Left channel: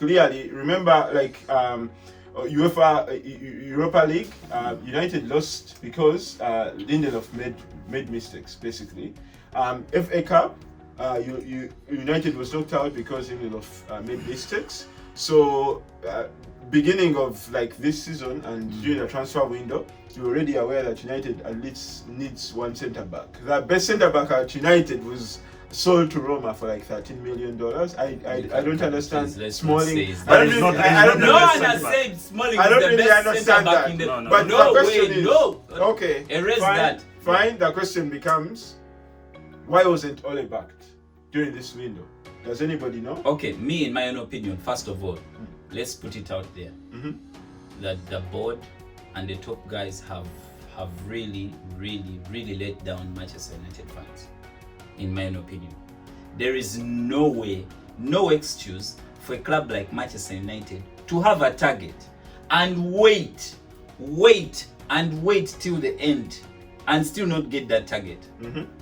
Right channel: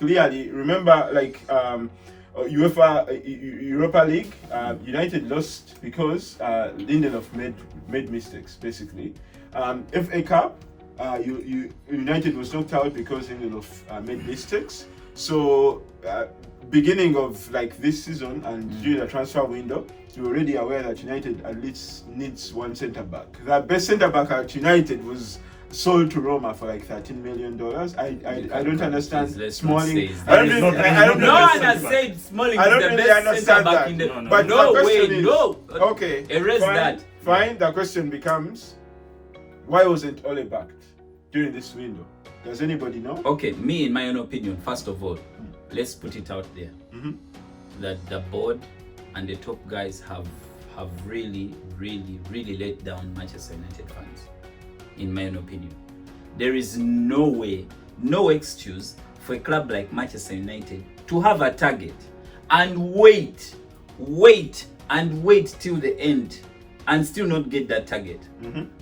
clearly, remember, like Europa League, United lost because Lindelof made mistakes, basically. FA Cup, United was knocked out because Lindelof made mistakes. So, beginning of like this season and during the transfer window, you're already aware that United at least needs one centre back. The best centre back at United was sold to Roma for like $13 million. I don't understand Smalling. I don't No one has said Smalling is the best centre back in the. But no the question way, is, no. okay, Erase that. Fine. The question becomes, why wasn't Ole backed during this window? Does anybody know? Okay, me, in my own opinion, first of all, let's put it out there that the board and the top guys have really let down Manchester United fans. In my own opinion, there is no way, no excuse for a club like Manchester United to have a target and wait till the end and still not get that target.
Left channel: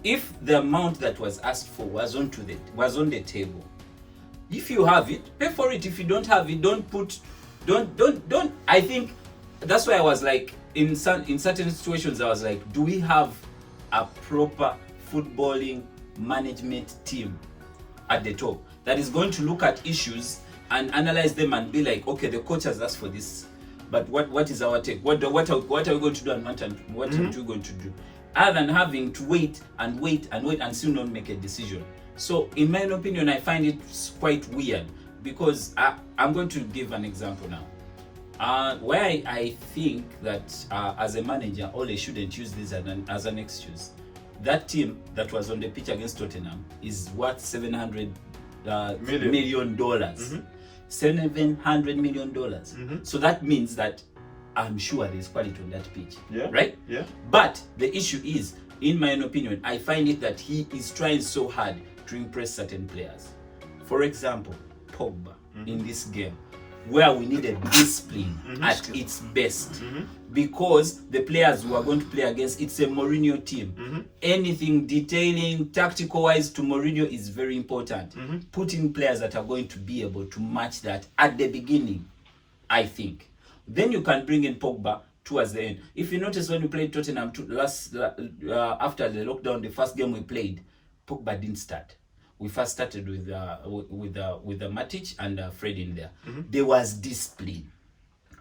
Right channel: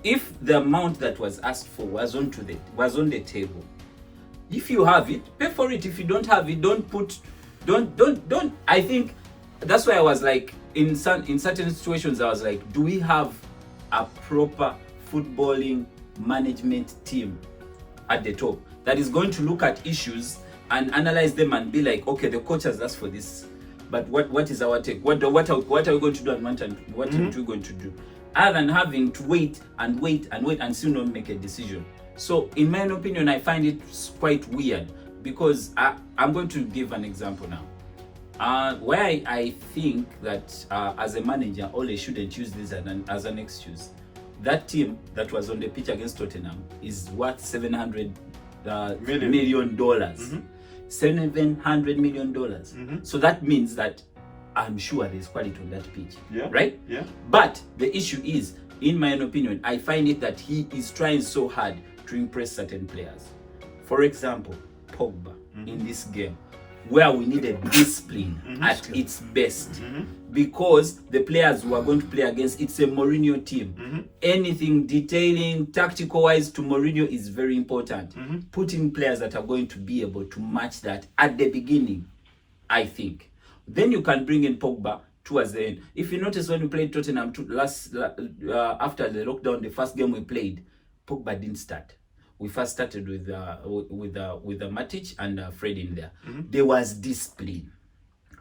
If the amount that was asked for was on the table, if you have it, pay for it. If you don't have it, don't. I think that's why I was like, in certain situations, I was like, do we have a proper footballing management team at the top that is going to look at issues and analyze them and be like, okay, the coach has asked for this, but what is our take? What are we going to do and what are we going to do? Other than having to wait and still not make a decision. So in my opinion, I find it quite weird because I'm going to give an example now. Where I think that as a manager, Ole shouldn't use this as an excuse. That team that was on the pitch against Tottenham is worth $700 million. $700 million. So that means that I'm sure there's quality on that pitch. Right? Yeah. But the issue is, in my own opinion, I find it that he is trying so hard to impress certain players. For example, Pogba in this game, where we needed discipline at its best, because the players who are going to play against, it's a Mourinho team. Anything detailing tactical wise to Mourinho is very important. Put in players that are going to be able to match that at the beginning, I think. Then you can bring in Pogba towards the end. If you notice, when we played Tottenham after the lockdown, the first game we played, Pogba didn't start. We first started with Matic and Fred in there. There was discipline.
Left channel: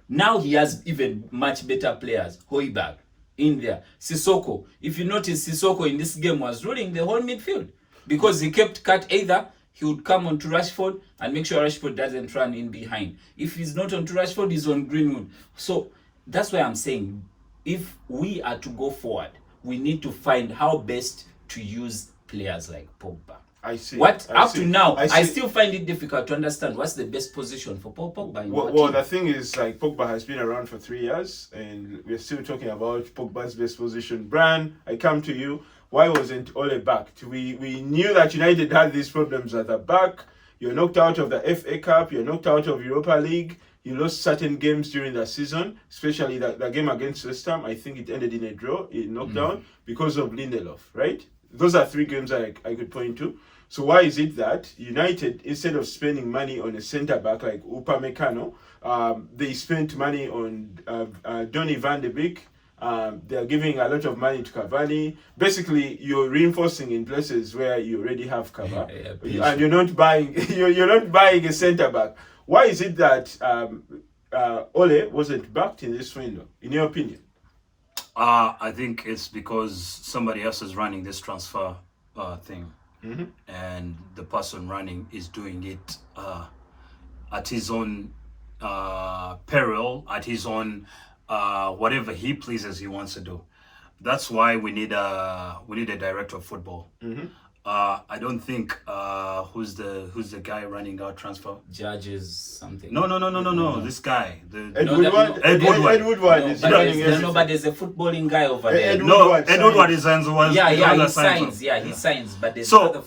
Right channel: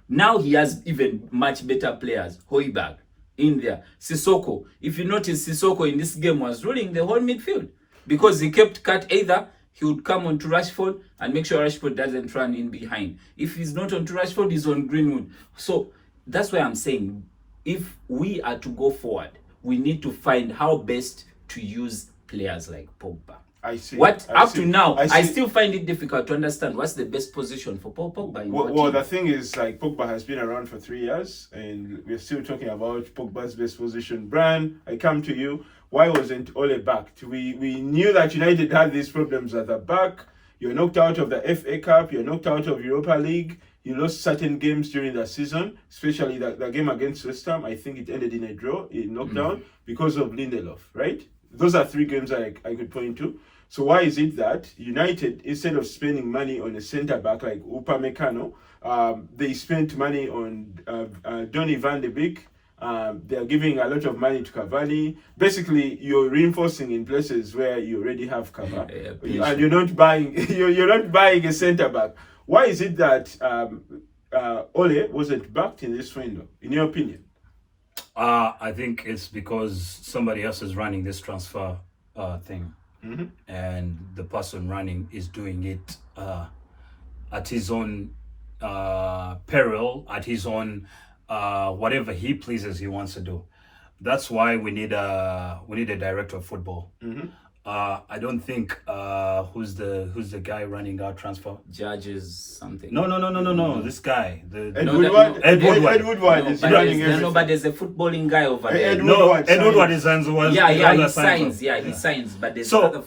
Now he has even much better players. Højbjerg in there. Sissoko. If you notice, Sissoko in this game was ruling the whole midfield because he kept cut. Either he would come on to Rashford and make sure Rashford doesn't run in behind. If he's not on to Rashford, he's on Greenwood. So that's why I'm saying, if we are to go forward, we need to find how best to use players like Pogba. I see. To now, I still find it difficult to understand what's the best position for Pogba. Well, the thing is, like, Pogba has been around for 3 years, and we're still talking about Pogba's best position. Bran, I come to you. Why wasn't Ole backed? We knew that United had these problems at the back. You're knocked out of the FA Cup. You're knocked out of Europa League. You lost certain games during the season, especially the game against West Ham. I think it ended in a draw, in knockdown, because of Lindelof, right? Those are 3 games I could point to. So why is it that United, instead of spending money on a centre back like Upamecano, they spent money on Donny van de Beek. They're giving a lot of money to Cavani. Basically, you're reinforcing in places where you already have cover, and you're not buying. You're not buying a centre back. Why is it that Ole wasn't backed in this window, in your opinion? I think it's because somebody else is running this transfer thing. And the person running is doing it at his own peril, at his own whatever he pleases he wants to do. That's why we need a director of football. I don't think who's the guy running our transfer? Judges something. No. This guy, Ed Woodward is running everything. No, but there's a footballing guy over there. Ed Woodward is he signs, but there's whatever.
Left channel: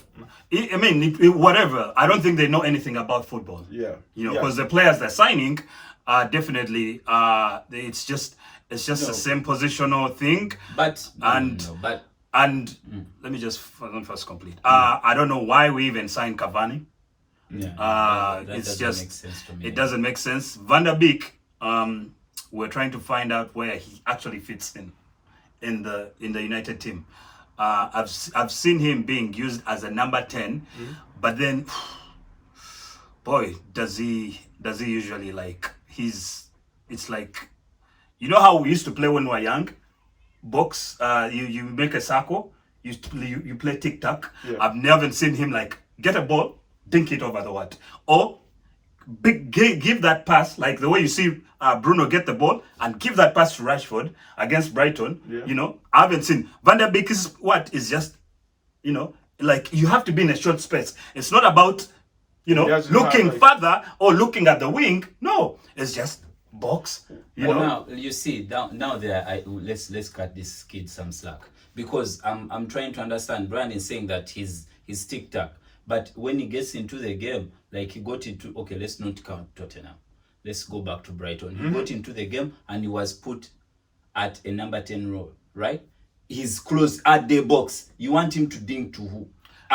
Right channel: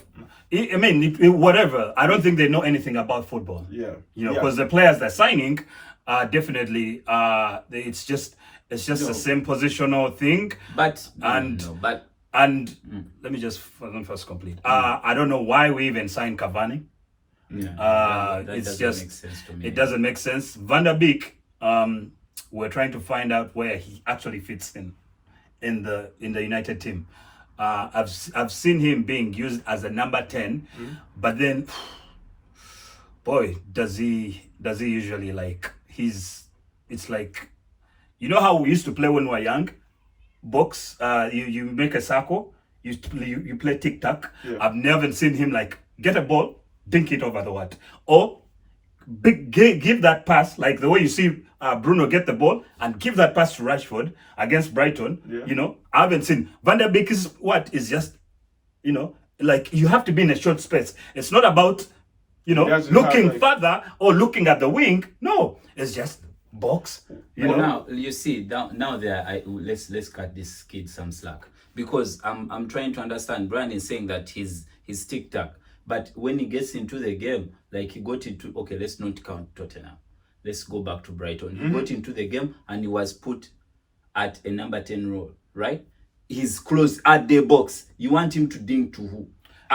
I don't think they know anything about football. Because the players they're signing are definitely it's just the same positional thing. And let me just first complete. I don't know why we even signed Cavani. It's doesn't just make sense to me. it doesn't make sense. Van der Beek, we're trying to find out where he actually fits in the United team. I've seen him being used as a number 10, but then, boy, does he usually like it's like, you know how we used to play when we were young, box, you make a circle, you play tic tac. Yeah. I've never seen him like get a ball, dink it over the what, or give that pass like the way you see Bruno get the ball and give that pass to Rashford against Brighton. Yeah. You know, I haven't seen Van der Beek is just, you know, like you have to be in a short space. It's not about, you know, looking further or looking at the wing. No, it's just box. You know. Now you see now there. Let's cut this kid some slack, because I'm trying to understand. Brian is saying that he's tic tac, but when he gets into the game, like he got into, okay, let's not count Tottenham. Let's go back to Brighton. He got into the game and he was put at a number 10 role, right? He's close at the box. You want him to dink to who?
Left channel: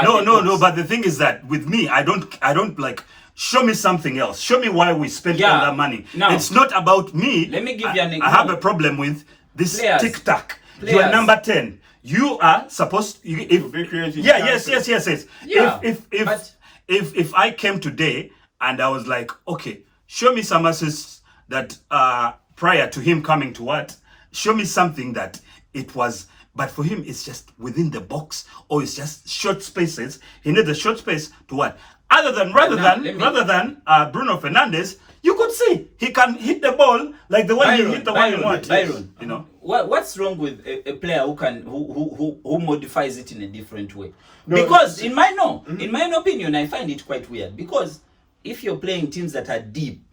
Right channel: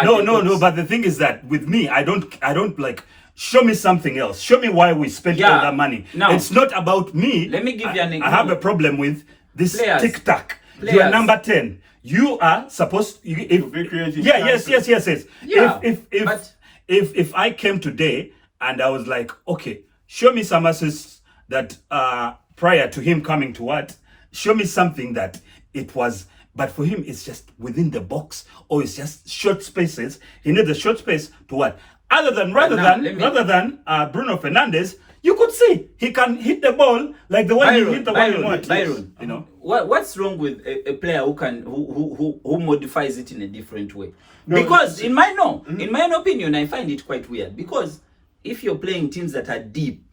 No. But the thing is that with me, I don't like. Show me something else. Show me why we spent all that money. Now, it's not about me. Let me give you an example. I have a problem with this tic tac. Players. You are number 10. You are supposed to be creating. Yes. Yeah. If I came today and I was like, okay, show me some assists that prior to him coming to what? Show me something that it was. But for him, it's just within the box, or it's just short spaces. He needs a short space to what? Rather than Bruno Fernandes, you could see he can hit the ball like the way he hit the one you want. Byron, you know what's wrong with a player who modifies it in a different way? Because in my own opinion, I find it quite weird. Because if you're playing teams that are deep,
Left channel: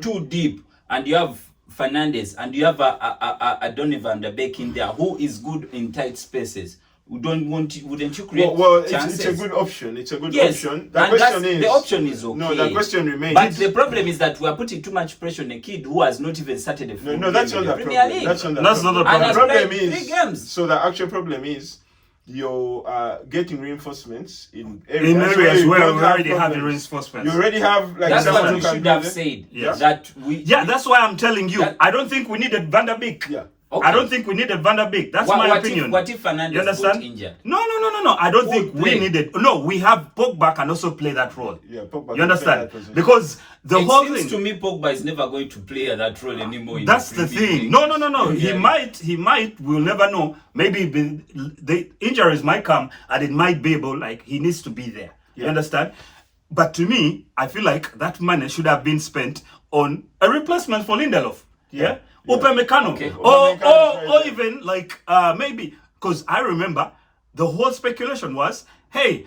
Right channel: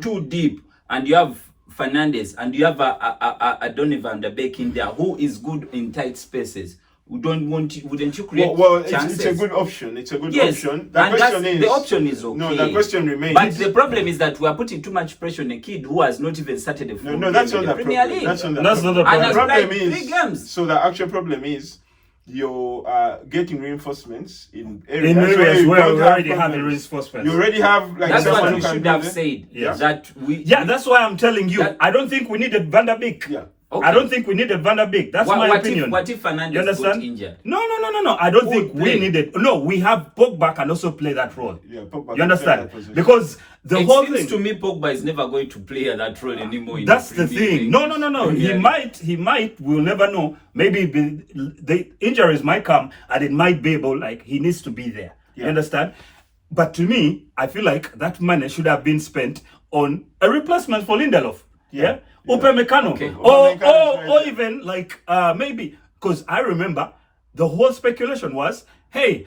too deep, and you have Fernandes and you have a Donny van der Beek in there who is good in tight spaces, wouldn't you create chances? It's a good option. It's a good yes, option. The option is okay. No, the question remains. But the problem is that we are putting too much pressure on a kid who has not even started a full game that's in not the the Premier problem. League. That's not the problem. problem. And The problem played is 3 games. So the actual problem is you're getting reinforcements in areas, in areas where we already have problems. reinforcements. You already have like That's someone what who we can should do have this. said. Yes. That's why I'm telling you. That, I don't think we needed Van der Beek. Yeah. Okay. I don't think we needed Van der Beek. That's my opinion. What if Fernandes You understand? got injured? No. I don't think play? we needed. No, we have Pogba can also play that role. Yeah, Pogba You can understand? play that position. Because the It whole seems thing. to me Pogba is never going to play that role anymore. That's the thing. No. He Yeah. might. We'll never know. Maybe the injuries might come and it might be able, like, he needs to be there. Yeah. You understand? But to me, I feel like that money should have been spent on a replacement for Lindelof. Yeah. Upamecano. Okay. Or even like maybe, because I remember the whole speculation was, hey,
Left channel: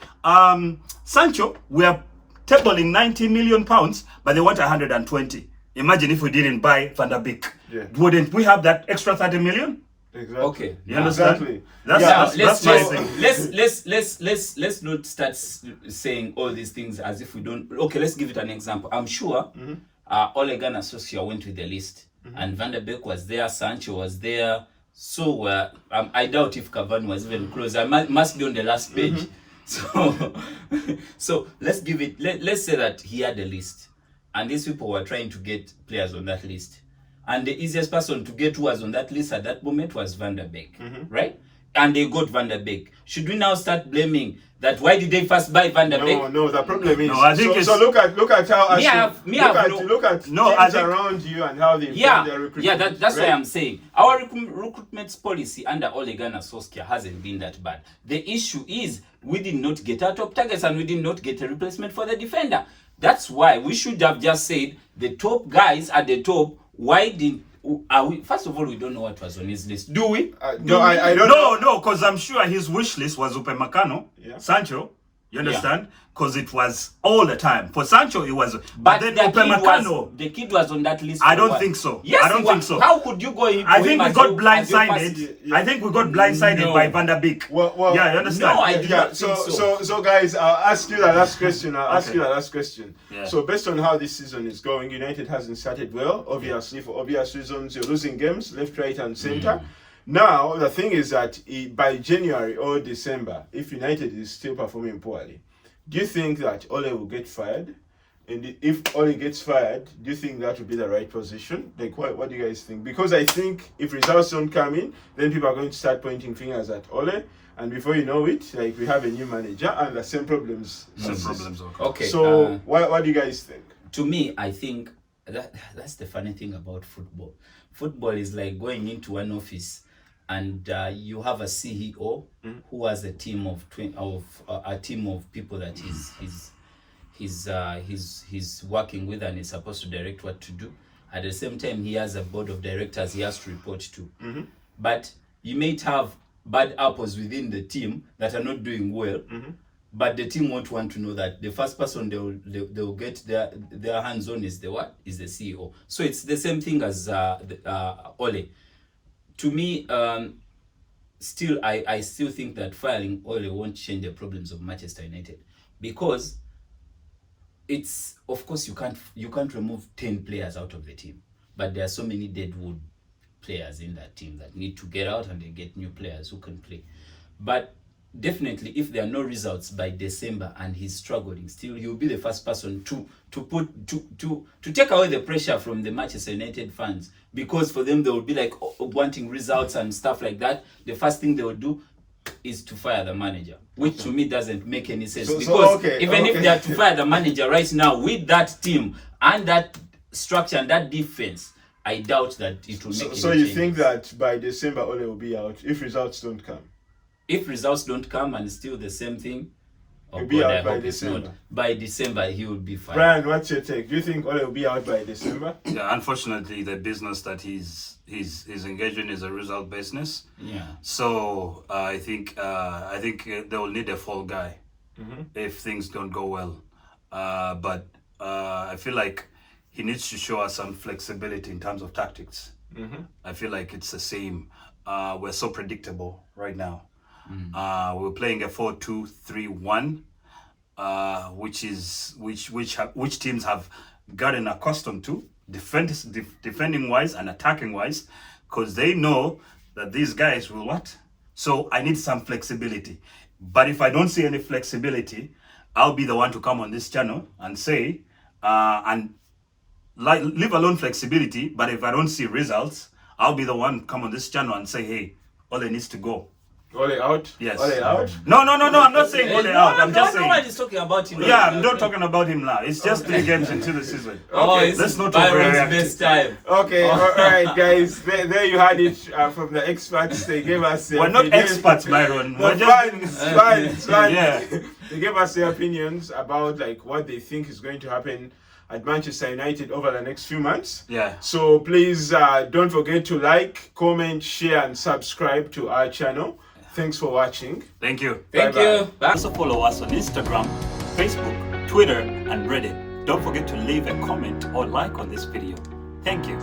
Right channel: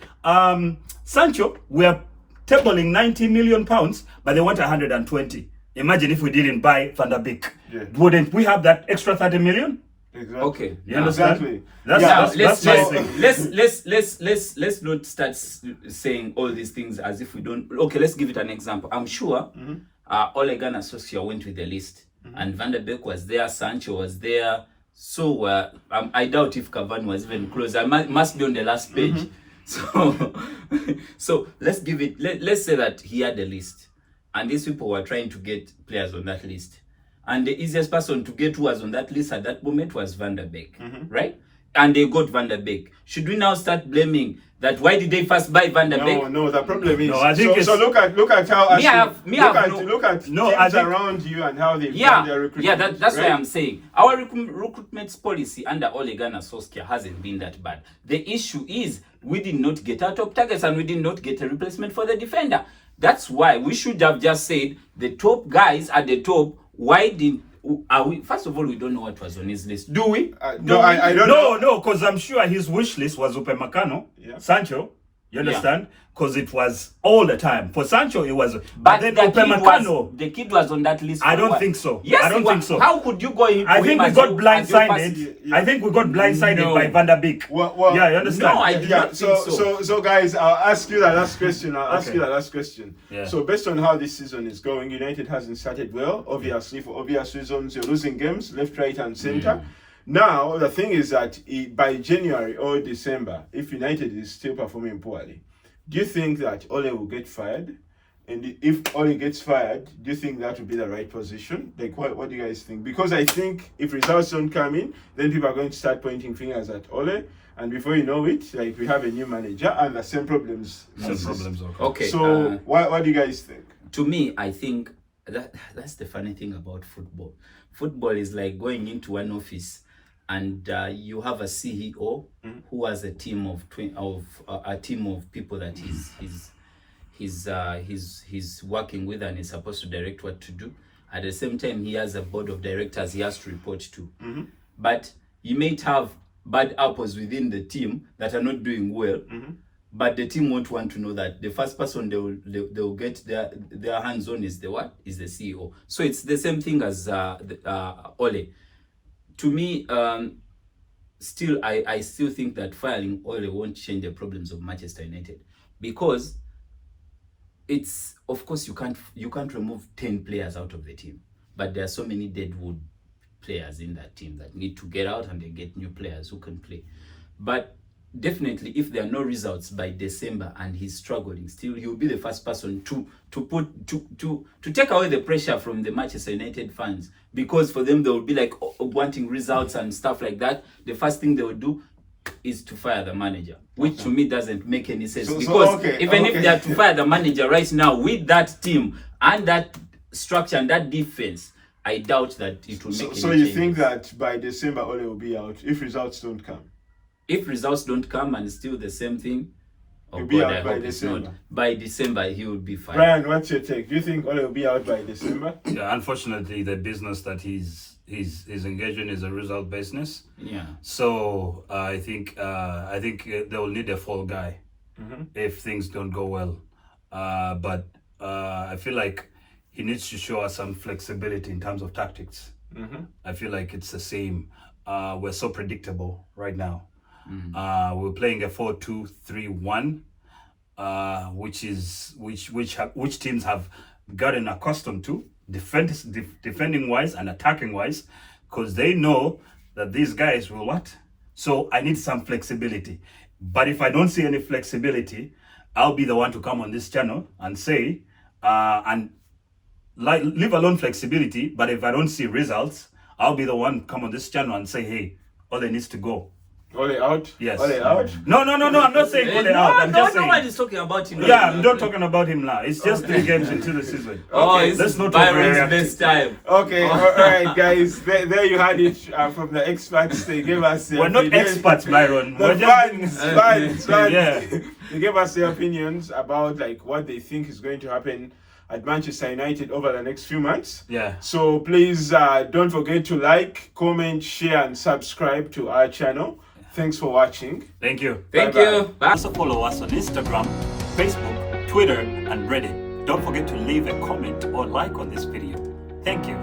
Sancho, we're tabling 90 million pounds, but they want 120. Imagine if we didn't buy Van der Beek. Yeah. Wouldn't we have that extra 30 million? Exactly. Okay. You understand? Exactly. That's my thing. Let's not start saying all these things as if we don't. Okay, let's give it an example. I'm sure Ole Gunnar Solskjaer went with the list, and Van der Beek was there, Sancho was there. So I doubt if Cavani was even close. I must be on the last page. So let's give it. Let's say that he had a list, and these people were trying to get players on that list. And the easiest person to get who was on that list at that moment was Van der Beek, right? And they got Van der Beek. Should we now start blaming that? Why did they first buy Van der Beek? No. The problem is. No, I think so look at how look at teams think, around you and how they've done their recruitment. Yeah, that's why I'm saying our recruitment policy under Ole Gunnar Solskjaer hasn't been that bad. The issue is we did not get our top targets and we did not get a replacement for the defender. That's why we should have just said the top guys at the top. Why didn't we? First of all, we don't know what was on his list. Do we? I don't know. No, because I'm sure his wish list was Upamecano, Sancho. You understand? Because it was all the time. For Sancho, it was. But then the kid was on that list. I don't think so. Yes, I don't think so. How could you go in? I think we got blindsided. I think we got blindsided by Van der Beek. Well, yeah, you understand? No, I do not think so guys, I'll ask you the last question. Yeah. So based on how this season is going, United hasn't started well. Obviously, for obvious reasons, you're losing games left, right, and center. Now the thing is that by January or December, if United is still performing poorly, do you think that Ole will get fired? And if Ole gets fired, do you think that would be the right position? Like, what do you guys think? Because I think if results don't come in, then people are going to start pointing fingers at Ole. And before you know it, like, we have a new manager and the same problems. Okay. So, what do you guys think? To me, I think that's the funny thing about football. Football is like going into one office and you have a CEO who has a team of people that he's working with and is supposed to direct what to do. At the same time, he has a board of directors he has to report to. But you may have bad apples within the team that are not doing well, but the team won't want to know that. The first person they'll get their hands on is the CEO. So it's the same thing as Ole. To me, still I still think that firing Ole won't change the problems of Manchester United, because it's, of course, you can't remove 10 players out of the team, but there are so many deadwood players in that team that need to get out and they get new players who can play. But definitely, if there are no results by December and he's struggling, still he will be the first person to take away the pressure from the Manchester United fans, because for them they will be like wanting results and stuff like that. The first thing they will do is to fire the manager, which to me doesn't make any sense, because even if they are to fire the manager right now with that team and that structure and that defense, I doubt that it will make any So you changes. think that by December Ole will be out if results don't come? If results don't come and still the same thing, He'll be out by December. By December, he will be fine. Brian, what's your take? Do you think Ole will be out by December? Yeah, unfortunately, the business that he's engaged in is a result business. Yeah. So I think they will need a fall guy if things don't go well. But I feel like he needs to show us some flexibility in terms of tactics. I feel like it's the same. We're so predictable right now. We're playing a 4-2-3-1, which teams have gotten accustomed to defending wise and attacking wise, because they know that these guys will what. So I need some flexibility. But if I don't see any flexibility, I'll be the one to come on this channel and say, leave alone flexibility. But if I don't see results, I'll be the one to come on this channel and say, hey, Ole needs to go. Ole out? Yes. Ole out? No. I'm not saying Ole out. I'm just saying. Nobody's talking about him. Yeah, I'm not talking about him now. It's just 3 games into the season. It's let's not Byron's overreact. best time. Okay, all right, guys. There you had it from the experts. They gave us their We're not opinion. experts, Byron. The fans. Yeah. They gave us their opinions about like what they think is going to happen at Manchester United over the next few months. Yeah. So please don't forget to like, comment, share, and subscribe to our channel. Thanks for watching. Thank you. Thank Bye-bye. you. Bye. Also follow us on Instagram, Facebook, Twitter, and Reddit. Don't forget to leave a comment or like on this video. Thank you.